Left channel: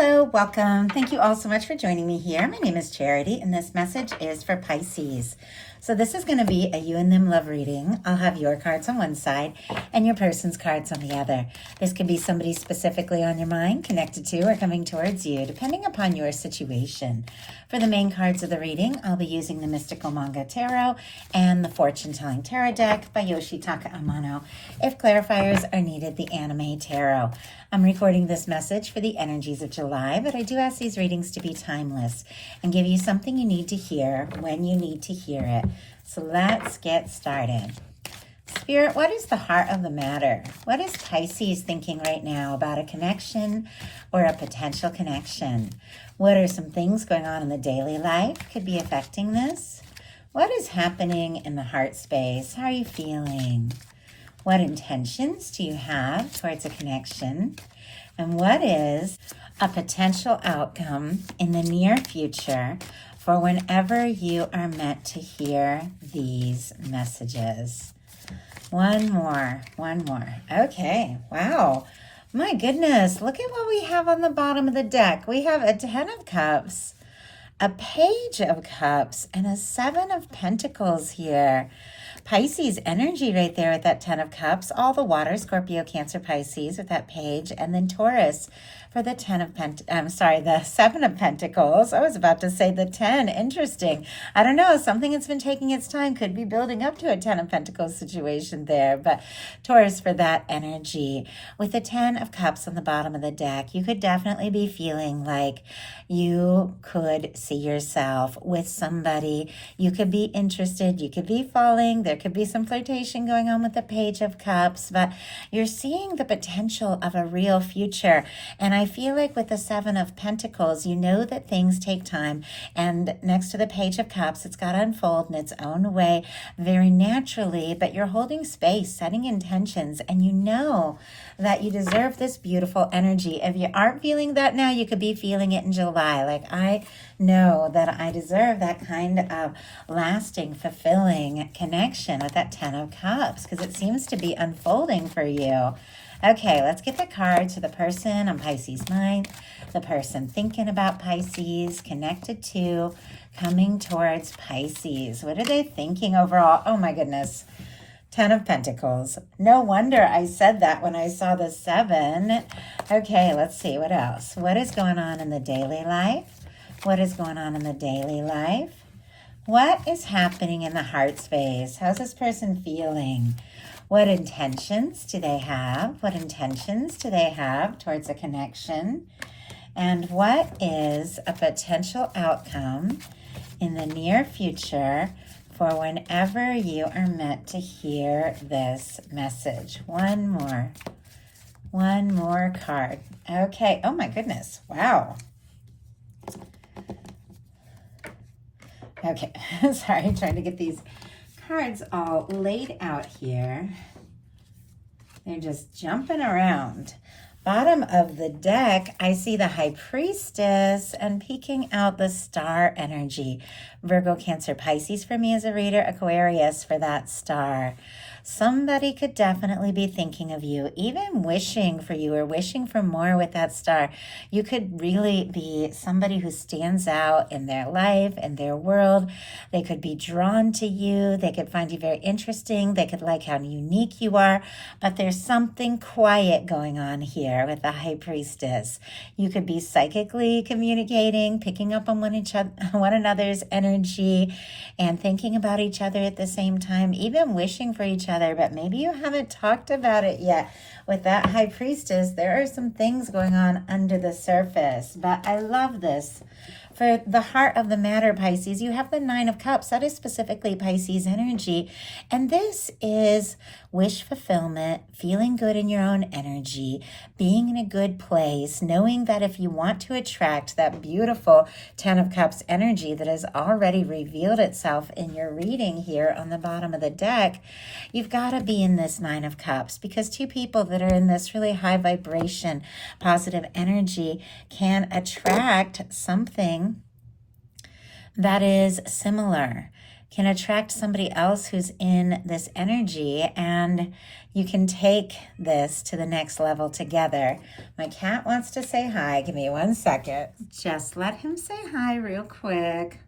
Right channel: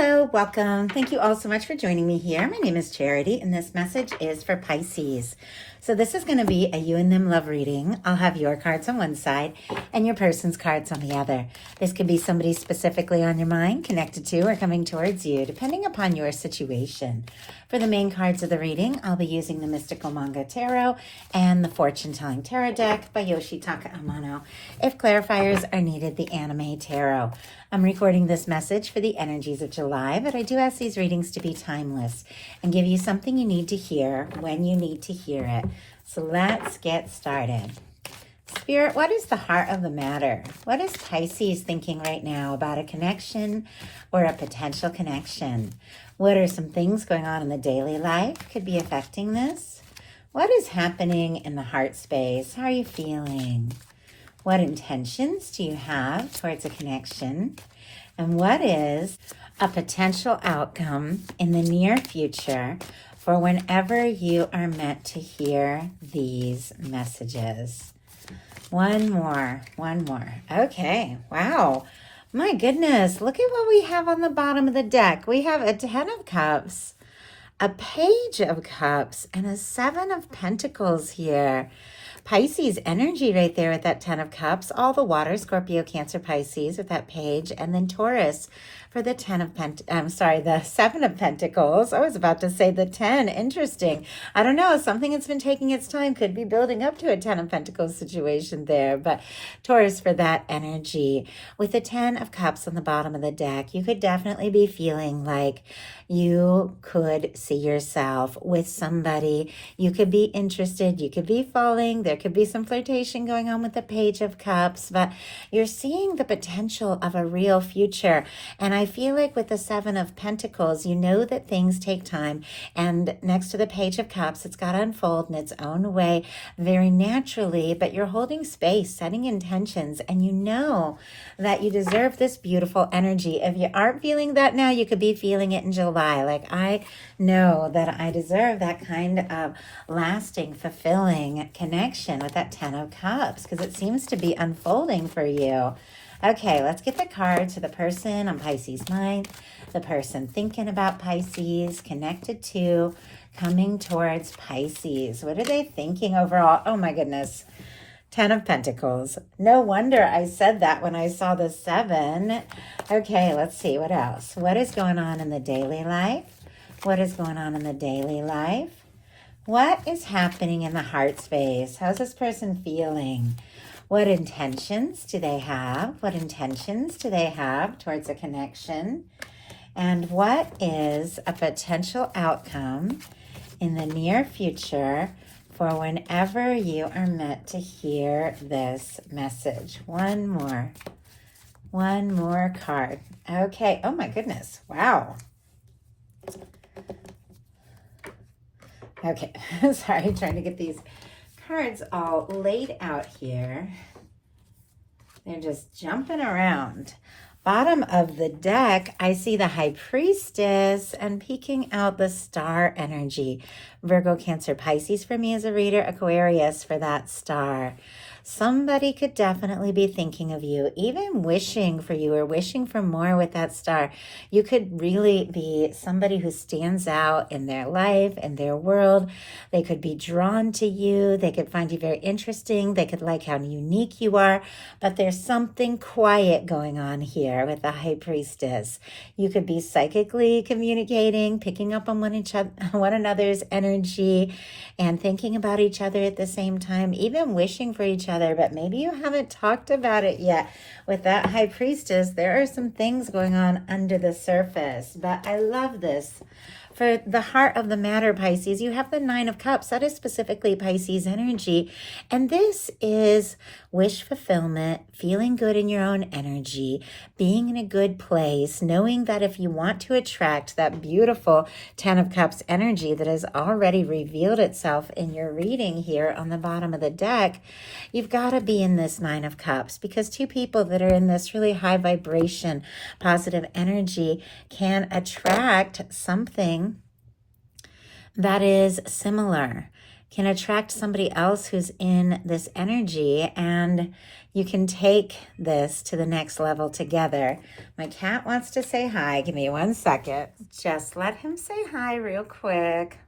Hello, welcome. Thank you all so much for joining me here. My name is Charity, and this message is for Pisces. So this is going to be a you and them love reading. I'll have your cards on one side and your person's cards on the other. This could be somebody specifically on your mind, connected to, or coming towards you, depending upon your situation. For the main cards of the reading, I'll be using the Mystical Manga Tarot and the Fortune Telling Tarot deck by Yoshitaka Amono. If clarifiers are needed, the Anime Tarot. I'm recording this message for the energies of July, but I do ask these readings to be timeless and give you something you need to hear when you need to hear it. So let's get started. Spirit, what is the heart of the matter? What is Pisces thinking right now about a connection or a potential connection? What are some things going on in the daily life could be affecting this? What is happening in the heart space? How are you feeling? What intentions do you have towards a connection? And what is a potential outcome in the near future for whenever you are meant to hear these messages? One more. Okay, wow. My goodness, look at what we have on the bottom of the deck. We have a 10 of Cups, a Page of Cups, and a 7 of Pentacles here. Pisces energy right there with that 10 of Cups, all the water, Scorpio, Cancer, Pisces with that page, and then Taurus for the the 7 of Pentacles. I was about to say the 10. Interesting. I don't know. Something that's been taking its time could be building up to a 10 of Pentacles situation there, but Taurus for that energy. With the 10 of Cups on the bottom of the deck, you could definitely be feeling like you could see yourself with somebody. You could be interested. You could be falling. There could be some flirtation going on with the Page of Cups, but you're seeing the potential of a real future. And I feel like with the 7 of Pentacles, you know that things take time. And next to the Page of Cups, it's got to unfold in its own way very naturally, but you're holding space, setting intentions, and you know that you deserve this beautiful energy. If you aren't feeling that now, you could be feeling it in July. Like, I know that I deserve that kind of lasting, fulfilling connection with that 10 of Cups because it seems to be unfolding for you. Okay, let's get the cards for the person on Pisces' mind, the person thinking about Pisces, connected to, coming towards Pisces. What are they thinking overall? Oh my goodness. 10 of Pentacles. No wonder I said that when I saw the 7. Okay, let's see. What else? What is going on in the daily life? What is going on in the daily life? What is happening in the heart space? How's this person feeling? What intentions do they have? What intentions do they have towards a connection? And what is a potential outcome in the near future for whenever you are meant to hear this message? One more card. Okay. Oh my goodness. Wow. Okay. Sorry, I'm trying to get these cards all laid out here. They're just jumping around. Bottom of the deck, I see the High Priestess and peeking out the star energy. Virgo, Cancer, Pisces for me as a reader, Aquarius for that star. Somebody could definitely be thinking of you, even wishing for you or wishing for more with that star. You could really be somebody who stands out in their life, in their world. They could be drawn to you. They could find you very interesting. They could like how unique you are. But there's something quiet going on here with the High Priestess. You could be psychically communicating, picking up on one another's energy, and thinking about each other at the same time, even wishing for each other, but maybe you haven't talked about it yet. With that High Priestess, there are some things going on under the surface, but I love this. For the heart of the matter, Pisces, you have the 9 of Cups. That is specifically Pisces energy. And this is wish fulfillment, feeling good in your own energy, being in a good place, knowing that if you want to attract that beautiful 10 of Cups energy that has already revealed itself in your reading here on the bottom of the deck, you've got to be in this 9 of Cups, because two people that are in this really high vibration, positive energy can attract something that is similar, can attract somebody else who's in this energy, and you can take this to the next level together. My cat wants to say hi. Give me 1 second. Just let him say hi real quick.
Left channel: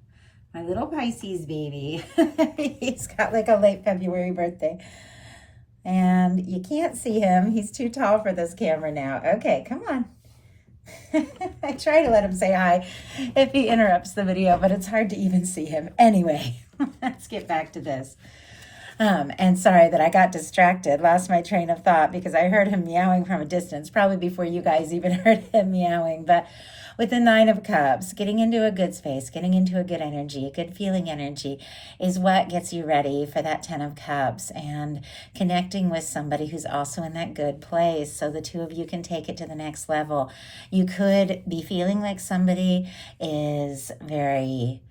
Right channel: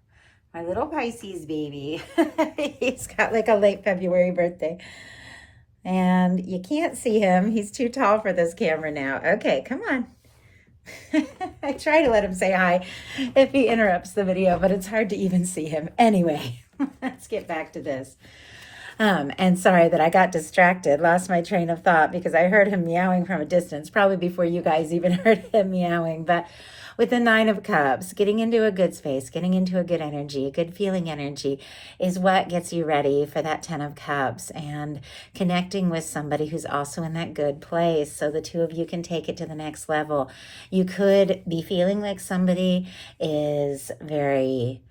My little Pisces baby. He's got like a late February birthday. And you can't see him. He's too tall for this camera now. Okay, come on. I try to let him say hi if he interrupts the video, but it's hard to even see him. Anyway, let's get back to this. And sorry that I got distracted, lost my train of thought because I heard him meowing from a distance, probably before you guys even heard him meowing. But with the Nine of Cups, getting into a good space, getting into a good energy, a good feeling energy is what gets you ready for that 10 of Cups and connecting with somebody who's also in that good place so the two of you can take it to the next level. You could be feeling like somebody is very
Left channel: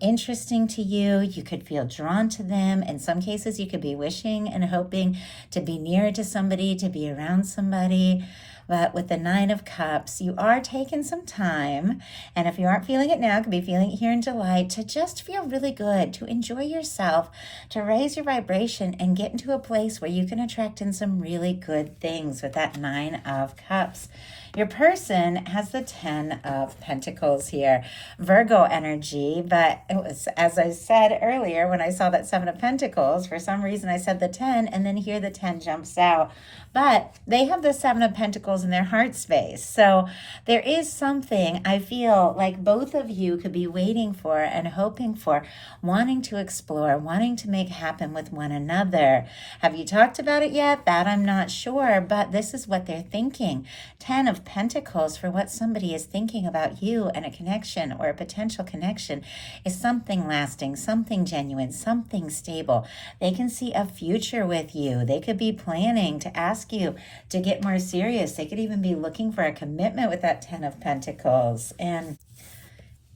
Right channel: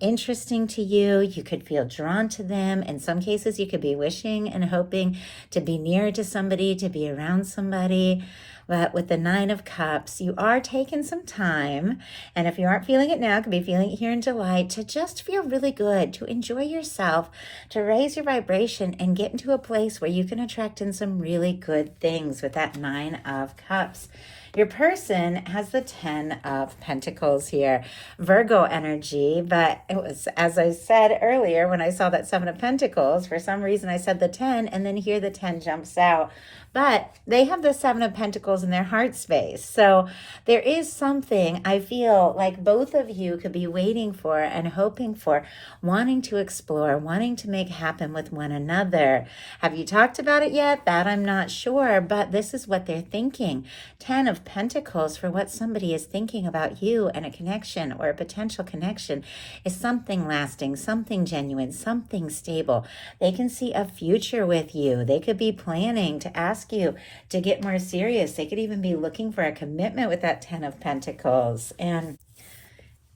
interesting to you. You could feel drawn to them. In some cases, you could be wishing and hoping to be near to somebody, to be around somebody. But with the Nine of Cups, you are taking some time. And if you aren't feeling it now, you could be feeling it here in July, to just feel really good, to enjoy yourself, to raise your vibration and get into a place where you can attract in some really good things with that Nine of Cups. Your person has the 10 of Pentacles here, Virgo energy, but it was, as I said earlier, when I saw that 7 of Pentacles, for some reason I said the 10, and then here the 10 jumps out. But they have the 7 of Pentacles in their heart space. So there is something I feel like both of you could be waiting for and hoping for, wanting to explore, wanting to make happen with one another. Have you talked about it yet? That I'm not sure, but this is what they're thinking. 10 of Pentacles for what somebody is thinking about you, and a connection or a potential connection is something lasting, something genuine, something stable. They can see a future with you. They could be planning to ask you to get more serious. They could even be looking for a commitment with that 10 of Pentacles. And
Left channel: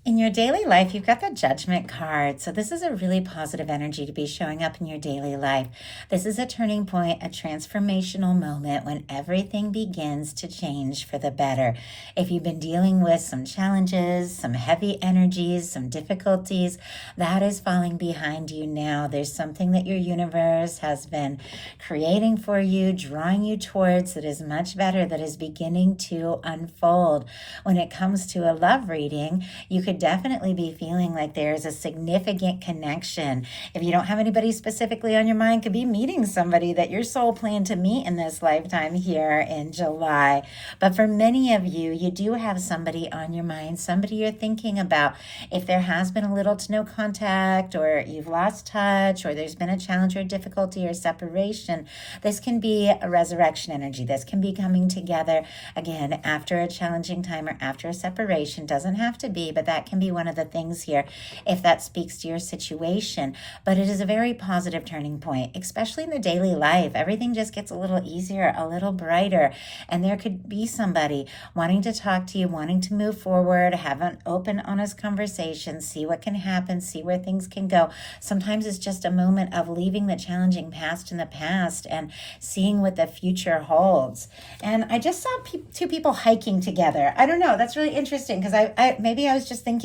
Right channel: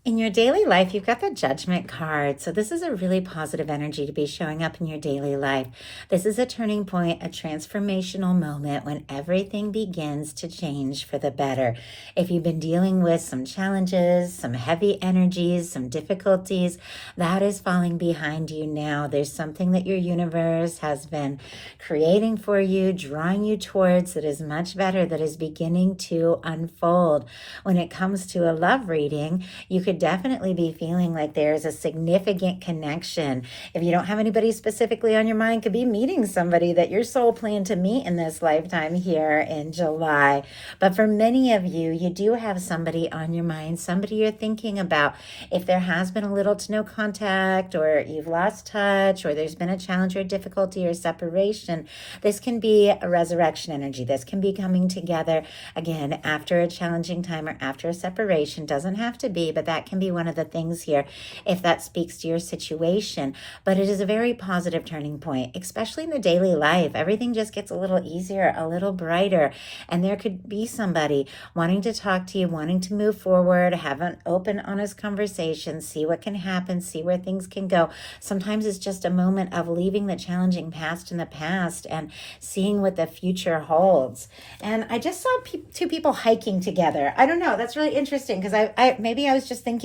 in your daily life, you've got the Judgment card. So this is a really positive energy to be showing up in your daily life. This is a turning point, a transformational moment when everything begins to change for the better. If you've been dealing with some challenges, some heavy energies, some difficulties, that is falling behind you now. There's something that your universe has been creating for you, drawing you towards, that is much better, that is beginning to unfold. When it comes to a love reading, you could definitely be feeling like there's a significant connection. If you don't have anybody specifically on your mind, could be meeting somebody that your soul planned to meet in this lifetime here in July. But for many of you, you do have somebody on your mind, somebody you're thinking about. If there has been a little to no contact, or you've lost touch, or there's been a challenge or difficulty or separation, this can be a resurrection energy. This can be coming together again after a challenging time or after a separation. Doesn't have to be, but that can be one of the things here if that speaks to your situation. But it is a very positive turning point, especially in the daily life. Everything just gets a little easier, a little brighter, and there could be somebody wanting to talk to you, wanting to move forward, have an open, honest conversation, see what can happen, see where things can go. Sometimes it's just a moment of leaving the challenging past in the past and seeing what the future holds. And I just saw two people hiking together. I don't know, that's really interesting, because I maybe I was just thinking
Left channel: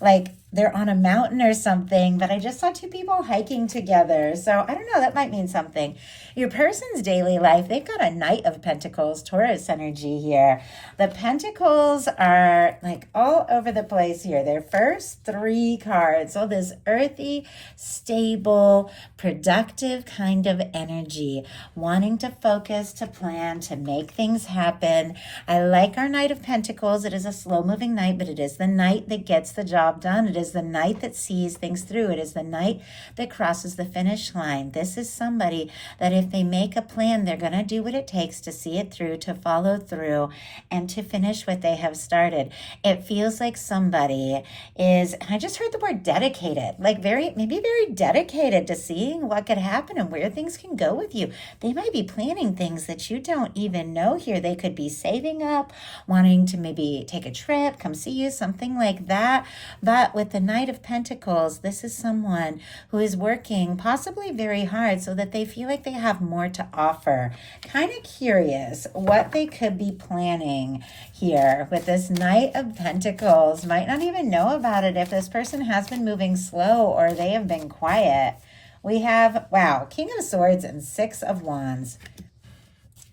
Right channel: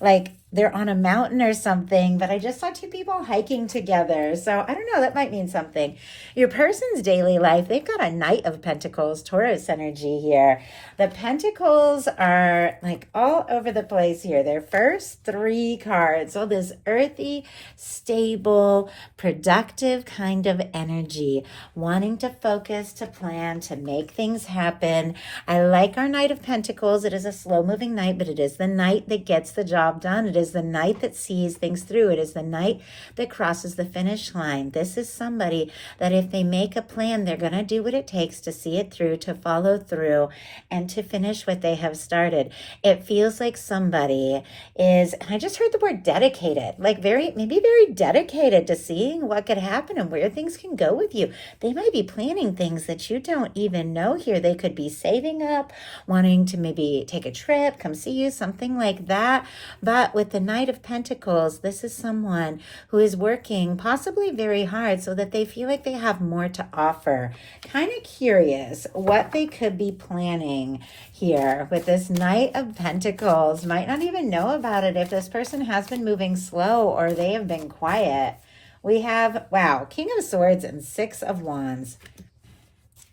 like they're on a mountain or something, but I just saw two people hiking together. So I don't know, that might mean something. Your person's daily life, they've got a Knight of Pentacles, Taurus energy here. The Pentacles are like all over the place here. Their first 3 cards, all this earthy, stable, productive kind of energy, wanting to focus, to plan, to make things happen. I like our Knight of Pentacles. It is a slow-moving knight, but it is the knight that gets the job done. It is the knight that sees things through. It is the knight that crosses the finish line. This is somebody that if they make a plan, they're going to do what it takes to see it through, to follow through, and to finish what they have started. It feels like somebody is, I just heard the word dedicated, like maybe very dedicated to seeing what could happen and where things can go with you. They might be planning things that you don't even know here. They could be saving up, wanting to maybe take a trip, come see you, something like that. But with the Knight of Pentacles, this is someone who is working possibly very hard so that they feel like they have more to offer. Kind of curious what they could be planning here with this Knight of Pentacles. Might not even know about it if this person has been moving slow or they have been quiet. We have, wow, King of Swords and Six of Wands.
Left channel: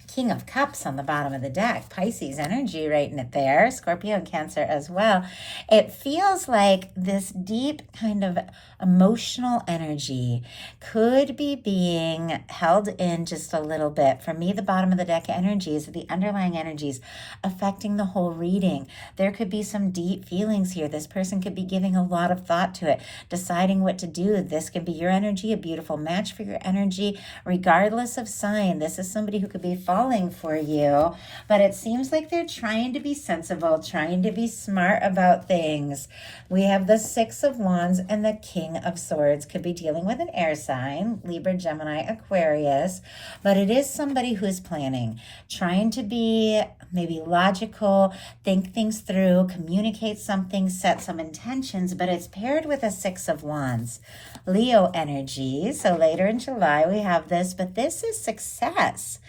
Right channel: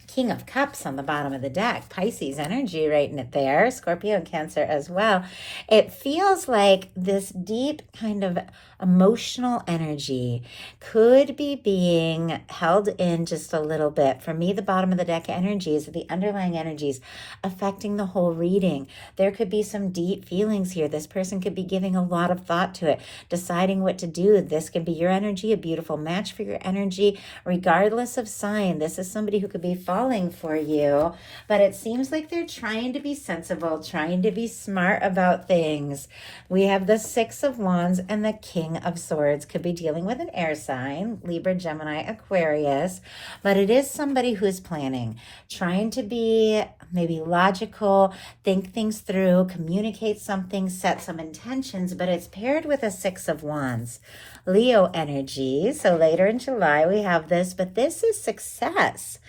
King of Cups on the bottom of the deck. Pisces energy right in it there. Scorpio and Cancer as well. It feels like this deep kind of emotional energy could be being held in just a little bit. For me, the bottom of the deck energy is the underlying energies affecting the whole reading. There could be some deep feelings here. This person could be giving a lot of thought to it, deciding what to do. This could be your energy, a beautiful match for your energy, regardless of sign. This is somebody who could be falling for you, but it seems like they're trying to be sensible, trying to be smart about things. We have the Six of Wands and the King of Swords. Could be dealing with an air sign, Libra, Gemini, Aquarius, but it is somebody who's planning, trying to be maybe logical, think things through, communicate something, set some intentions, but it's paired with a Six of Wands. Leo energy. So later in July we have this, but this is success.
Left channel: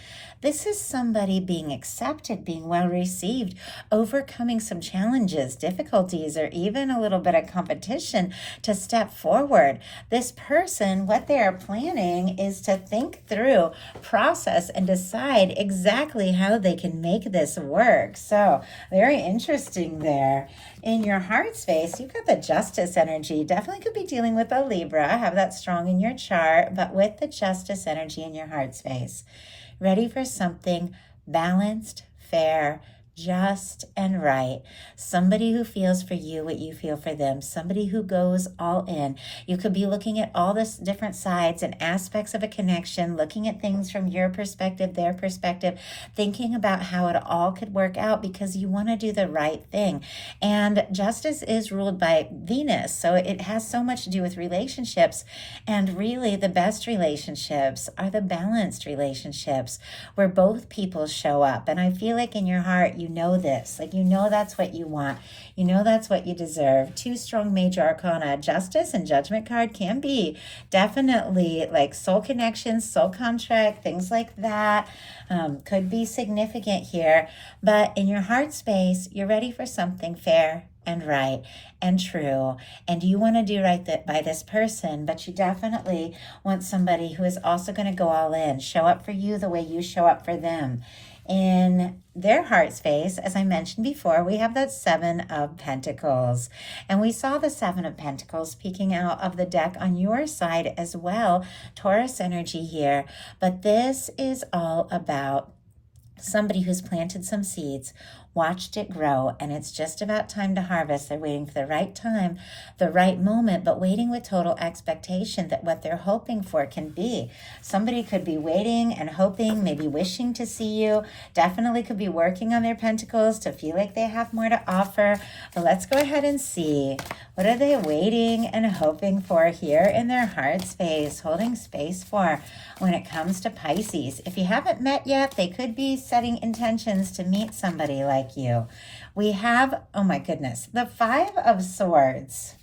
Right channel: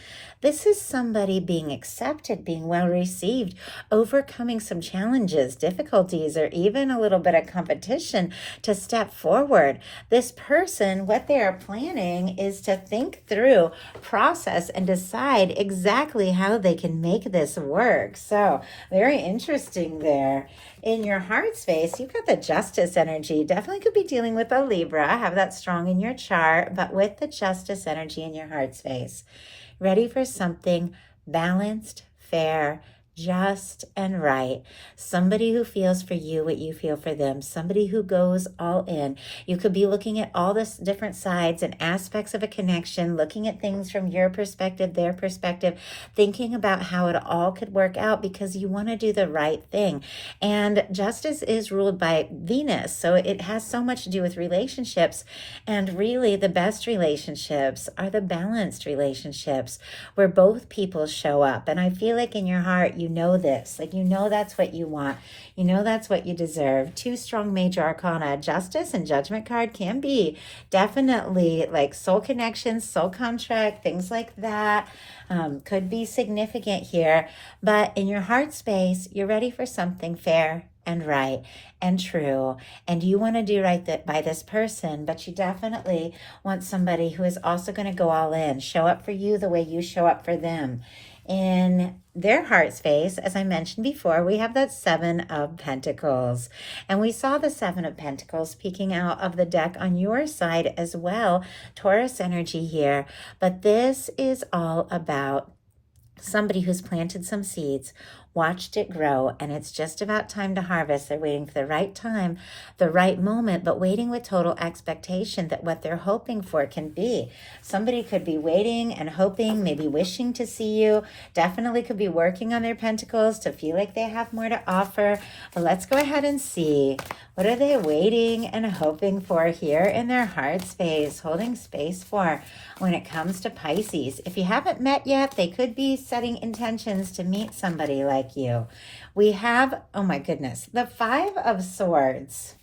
This is somebody being accepted, being well received, overcoming some challenges, difficulties, or even a little bit of competition to step forward. This person, what they are planning is to think through, process, and decide exactly how they can make this work. So very interesting there. In your heart space, you've got the Justice energy. Definitely could be dealing with a Libra. Have that strong in your chart, but with the Justice energy in your heart space. Ready for something balanced, fair, just, and right. Somebody who feels for you what you feel for them. Somebody who goes all in. You could be looking at all the different sides and aspects of a connection, looking at things from your perspective, their perspective, thinking about how it all could work out because you want to do the right thing. And justice is ruled by Venus, so it has so much to do with relationships. And really, the best relationships are the balanced relationships where both people show up. And I feel like in your heart, you know this, like, you know, that's what you want. You know, that's what you deserve. Two strong major arcana, Justice and Judgment card, can be definitely like soul connections, soul contract, things like that. Could be significant here, but in your heart space, you're ready for something fair and right and true, and you want to do right by this person, but you definitely want somebody who is also going to go all in, show up for you the way you show up for them. In their heart space, as I mentioned before, we have that Seven of Pentacles. And we saw the Seven of Pentacles peeking out of the deck on your side as well. Taurus energy here. But this is all about somebody who's planted some seeds, watched it grow, and it's just about time to harvest. They're waiting for the right time, the right moment, but waiting with total expectation that what they're hoping for can be. Somebody could be waiting and hoping, maybe wishing to see you, definitely could be working on their pentacles to feel like they have more to offer. But let's go ahead and see, what are they waiting and hoping for here in their heart space, holding space for when it comes to Pisces? If you haven't met yet, they could be setting intentions to meet somebody like you. We have, oh my goodness, the Five of Swords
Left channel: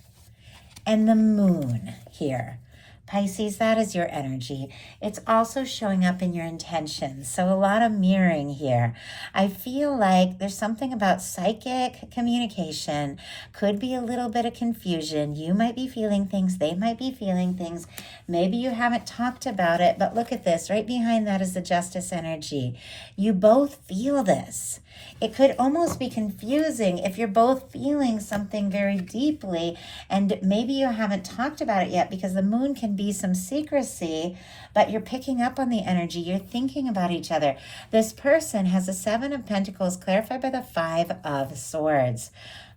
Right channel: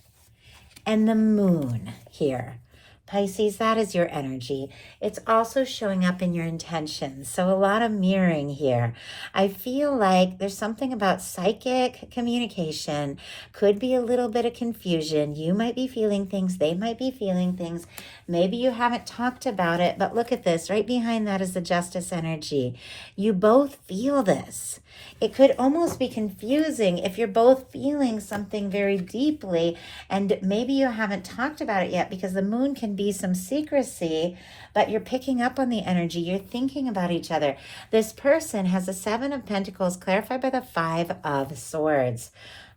and the Moon here. Pisces, that is your energy. It's also showing up in your intentions. So a lot of mirroring here. I feel like there's something about psychic communication. Could be a little bit of confusion. You might be feeling things. They might be feeling things. Maybe you haven't talked about it, but look at this. Right behind that is the Justice energy. You both feel this. It could almost be confusing if you're both feeling something very deeply and maybe you haven't talked about it yet, because the Moon can be some secrecy, but you're picking up on the energy. You're thinking about each other. This person has a Seven of Pentacles clarified by the Five of Swords.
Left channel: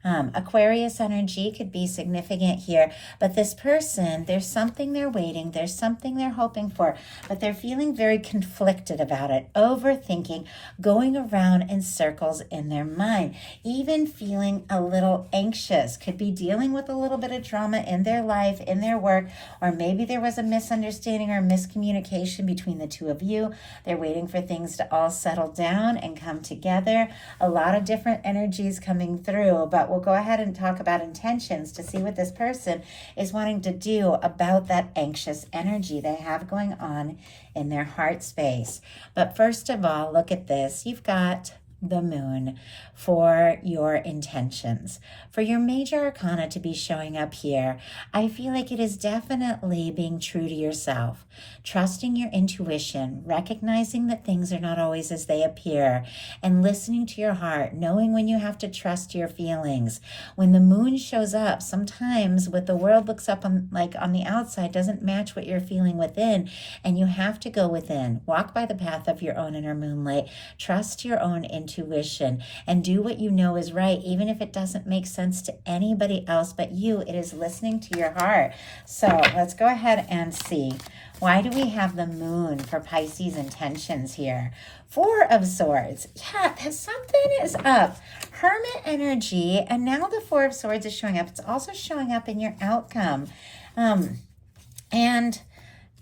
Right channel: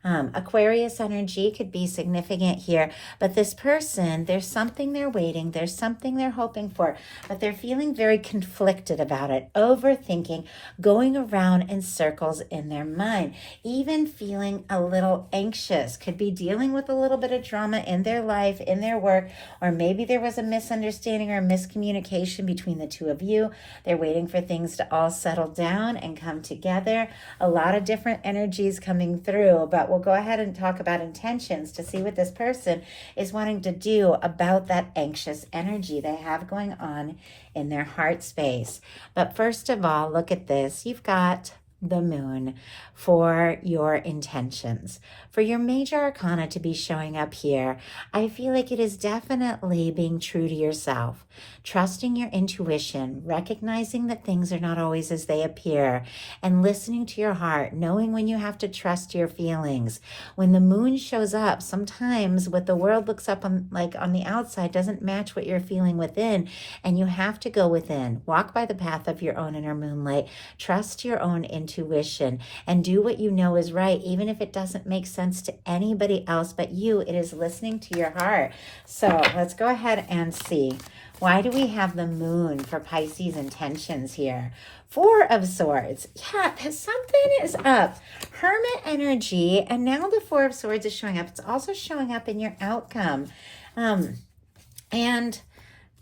Aquarius energy could be significant here, but this person, there's something they're waiting, there's something they're hoping for, but they're feeling very conflicted about it, overthinking, going around in circles in their mind, even feeling a little anxious, could be dealing with a little bit of drama in their life, in their work, or maybe there was a misunderstanding or miscommunication between the two of you. They're waiting for things to all settle down and come together. A lot of different energies coming through, but we'll go ahead and talk about intentions to see what this person is wanting to do about that anxious energy they have going on in their heart space. But first of all, look at this. You've got the Moon. for your intentions. For your major arcana to be showing up here, I feel like it is definitely being true to yourself, trusting your intuition, recognizing that things are not always as they appear, and listening to your heart, knowing when you have to trust your feelings. When the moon shows up, sometimes what the world looks up on, like on the outside, doesn't match what you're feeling within, and you have to go within. Walk by the path of your own inner moonlight. Trust your own intuition and do what you know is right, even if it doesn't make sense to anybody else but you. It is listening to your heart. So let's go ahead and see. Why do we have the moon for Pisces intentions here? Four of Swords. Yeah, something is up. Hermit energy, and now the Four of Swords is showing up. It's also showing up in your outcome. And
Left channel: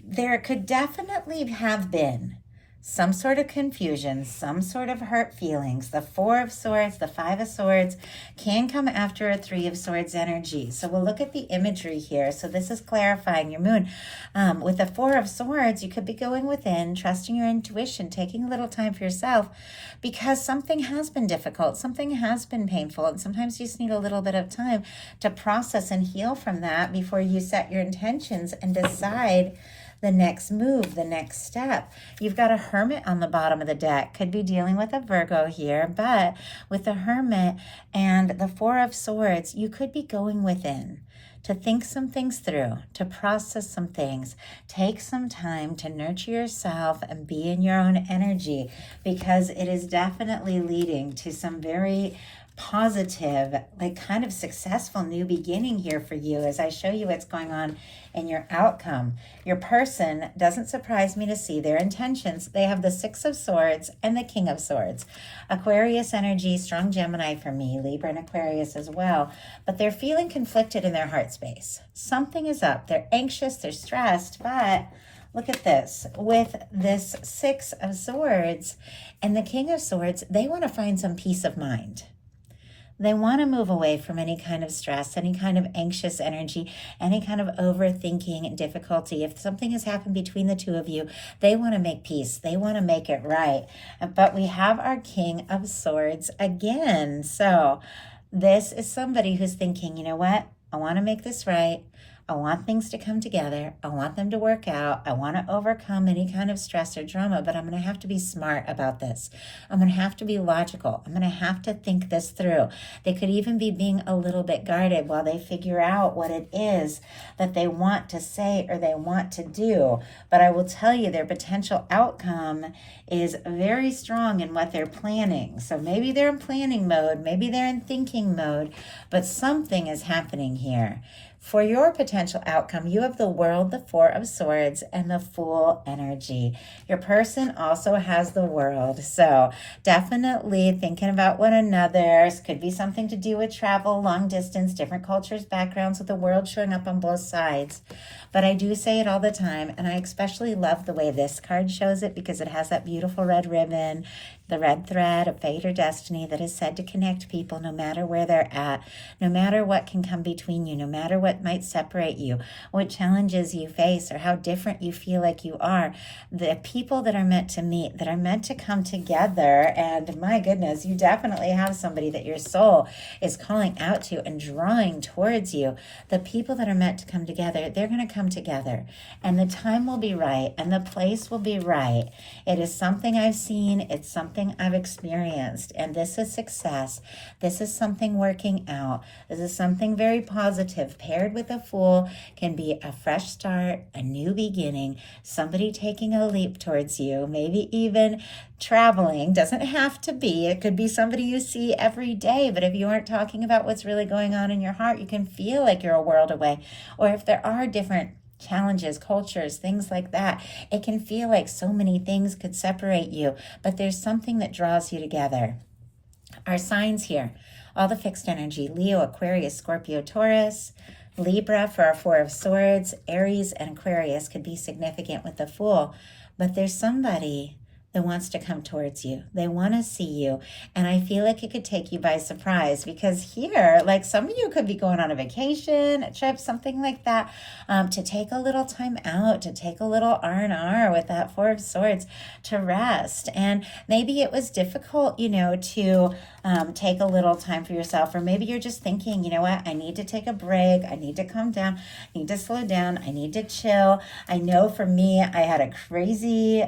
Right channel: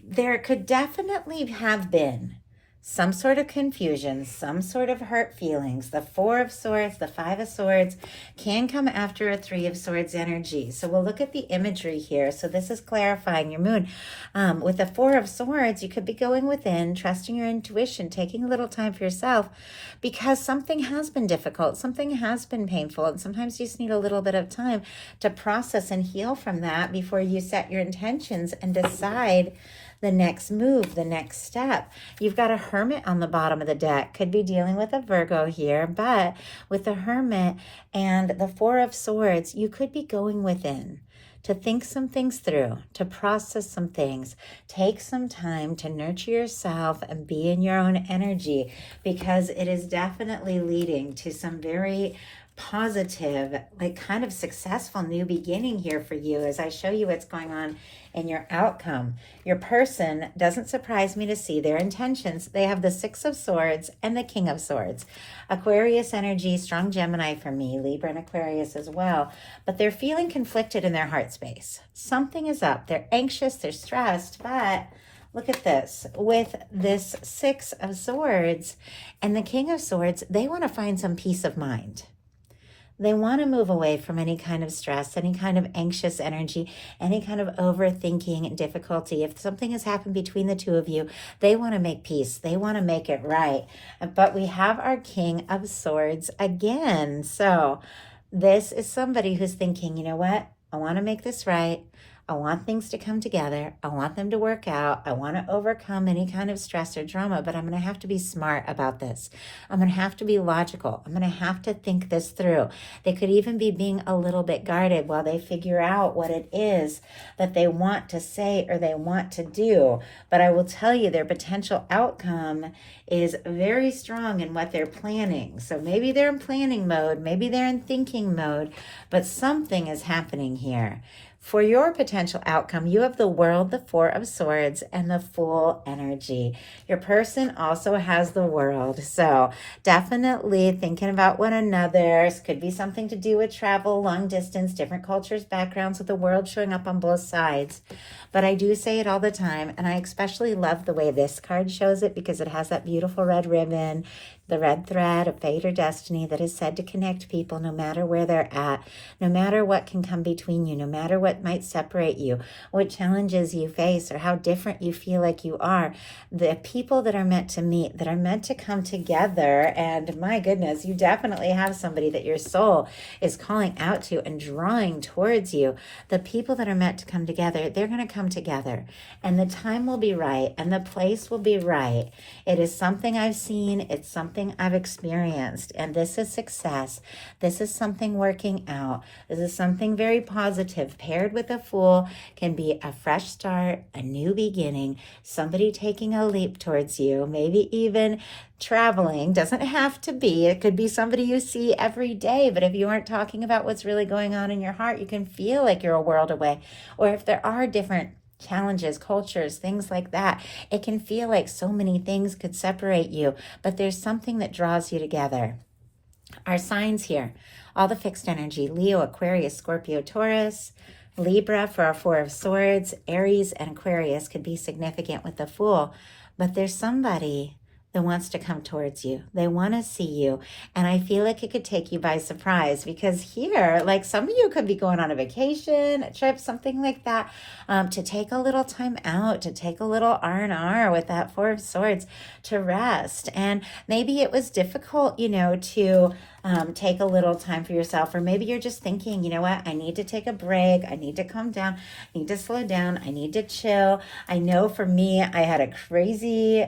there could definitely have been some sort of confusion, some sort of hurt feelings. The Four of Swords, the Five of Swords can come after a Three of Swords energy. So we'll look at the imagery here. So this is clarifying your moon. With the Four of Swords, you could be going within, trusting your intuition, taking a little time for yourself, because something has been difficult, something has been painful, and sometimes you just need a little bit of time to process and heal from that before you set your intentions and decide the next move, the next step. You've got a Hermit on the bottom of the deck. Could be dealing with a Virgo here, but with the Hermit and the Four of Swords, you could be going within to think some things through, to process some things. Take some time to nurture yourself and be in your own energy, because it is definitely leading to some very positive, like kind of successful new beginning here for you as I show you what's going on in your outcome. Your person doesn't surprise me to see their intentions. They have the Six of Swords and the King of Swords. Aquarius energy, strong Gemini for me, Libra and Aquarius as well. But they're feeling conflicted in their heart space. Something is up. They're anxious, they're stressed, but look at this. With this Six of Swords and the King of Swords, they want to find some peace of mind. They want to move away from any kind of stress, any kind of anxious energy, any kind of overthinking and difficulty. If something has happened between the two of you, they want to make peace. They want to make it right. But we have our King of Swords again. So this is somebody who's thinking, you know what? I want to make this right. I want things to come together. I want them to work out. I want to overcome any kind of stress or drama, but I'm going to have to be smart about this. I'm going to have to be logical. I'm going to have to think this through. They could even be being a little bit guarded while they figure out what it is that they want to say or they want to do. But I will tell you, their potential outcome is very strong in what they're planning. So maybe they're in planning mode, maybe they're in thinking mode, but something is happening here. For your potential outcome, you have the World, the Four of Swords, and the Fool energy. Your person also has the World. So definitely thinking about one another. Could be something to do with travel, long distance, different cultures, backgrounds, with the World showing up on both sides. But I do say it all the time, and I especially love the way this card shows it because it has that beautiful red ribbon, the red thread of fate or destiny that is said to connect people no matter where they're at, no matter what can come between you, no matter what might separate you, what challenges you face, or how different you feel like you are. The people that are meant to meet, that are meant to come together, and my goodness, you definitely have somebody that your soul is calling out to and drawing towards you. The people that are meant to come together, they're going to come together, and the time will be right, and the place will be right. It is something I've seen. It's something I've experienced, and this is success. This is something working out. This is something very positive. Paired with a Fool can be a fresh start, a new beginning, somebody taking a leap towards you, maybe even traveling. Doesn't have to be. It could be somebody you see every day, but if you aren't talking about what's really going on in your heart, you can feel like you're a world away. Or if there are different challenges, cultures, things like that, it can feel like so many things could separate you, but there's something that draws you together. Our signs here, all the fixed energy: Leo, Aquarius, Scorpio, Taurus, Libra for our Four of Swords, Aries and Aquarius could be significant with the Fool, but there's somebody that wants to come towards you. They want to see you. And I feel like it could take you by surprise, because here, like some of you could be going on a vacation, a trip, something like that, to take a little time out, to take a little R&R with that Four of Swords, to rest. And maybe it was difficult, to take a little time for yourself. Or maybe you're just thinking, you know what, I need to take a break. I need to calm down. I need to slow down. I need to chill. I know for me, I had a crazy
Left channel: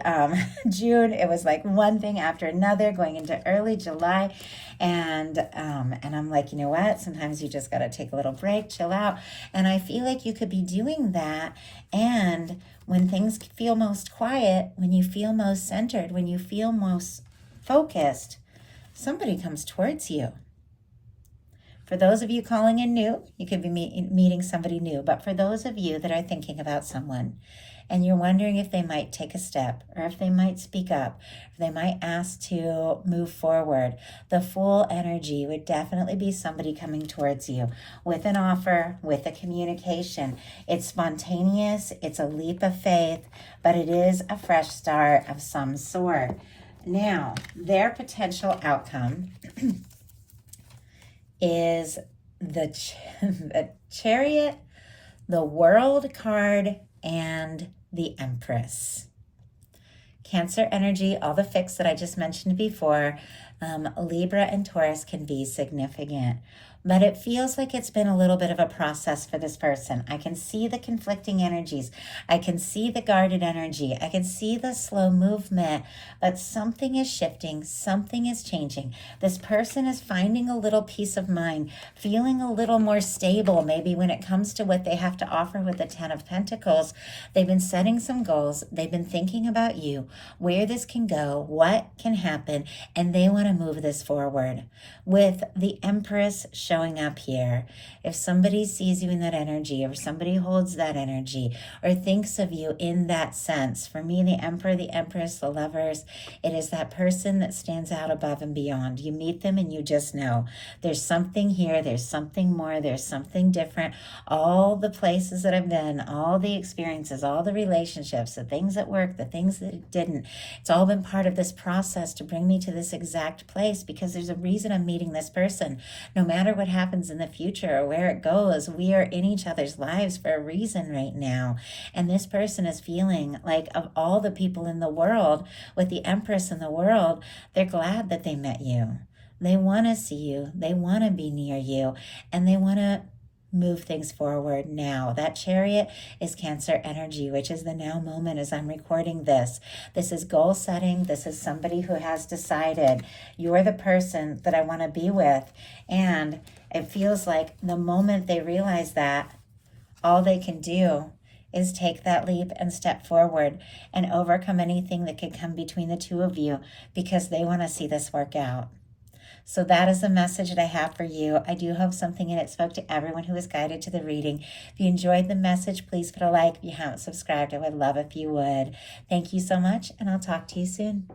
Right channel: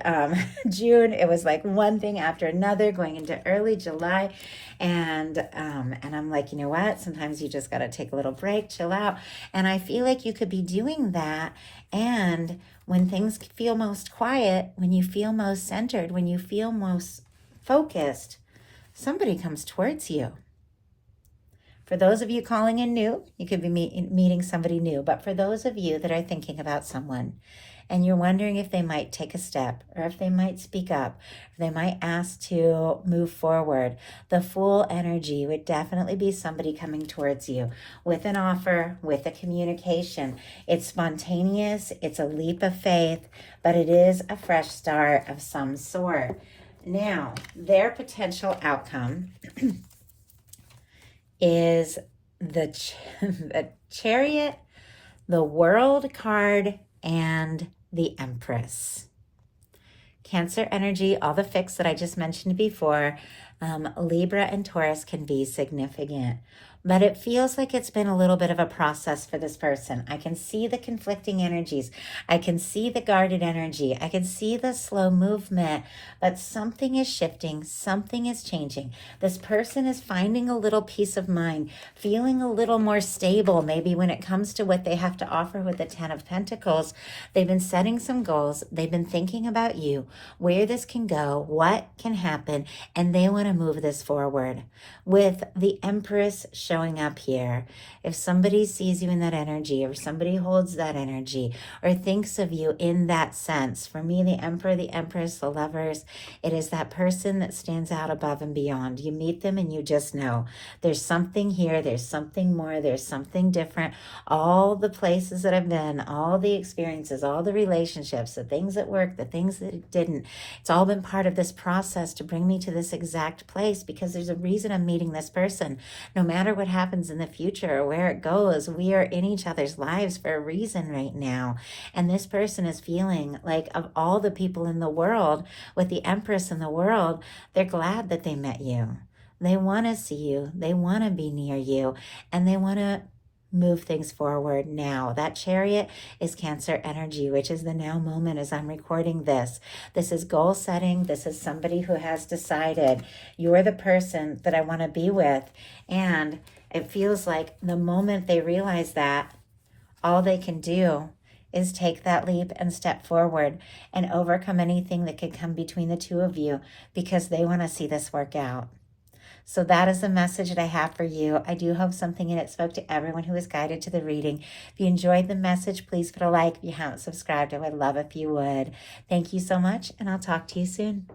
June. It was like one thing after another going into early July. And I'm like, you know what? Sometimes you just got to take a little break, chill out. And I feel like you could be doing that. And when things feel most quiet, when you feel most centered, when you feel most focused, somebody comes towards you. For those of you calling in new, you could be meeting somebody new. But for those of you that are thinking about someone and you're wondering if they might take a step or if they might speak up, if they might ask to move forward, the Fool energy would definitely be somebody coming towards you with an offer, with a communication. It's spontaneous, it's a leap of faith, but it is a fresh start of some sort. Now, their potential outcome is the Chariot, the World card, and the Empress. Cancer energy, all the fixed that I just mentioned before, Libra and Taurus can be significant. But it feels like it's been a little bit of a process for this person. I can see the conflicting energies. I can see the guarded energy. I can see the slow movement, but something is shifting. Something is changing. This person is finding a little peace of mind, feeling a little more stable, maybe when it comes to what they have to offer with the Ten of Pentacles. They've been setting some goals. They've been thinking about you, where this can go, what can happen, and they want to move this forward. With the Empress showing up here, if somebody sees you in that energy, or somebody holds that energy, or thinks of you in that sense, for me, the Emperor, the Empress, the Lovers, it is that person that stands out above and beyond. You meet them and you just know there's something here, there's something more, there's something different. All the places that I've been, all the experiences, all the relationships, the things that worked, the things that didn't, it's all been part of this process to bring me to this exact place, because there's a reason I'm meeting this person. No matter what happens in the future or where it goes, we are in each other's lives for a reason right now. And this person is feeling like, of all the people in the world, with the Empress in the world, they're glad that they met you. They want to see you. They want to be near you. And they want to move things forward now. That Chariot is Cancer energy, which is the now moment as I'm recording this. This is goal setting. This is somebody who has decided, you're the person that I want to be with. And it feels like the moment they realize that, all they can do is take that leap and step forward and overcome anything that could come between the two of you, because they want to see this work out. So that is the message that I have for you. I do hope something in it spoke to everyone who was guided to the reading. If you enjoyed the message, please put a like. If you haven't subscribed, I would love if you would. Thank you so much, and I'll talk to you soon.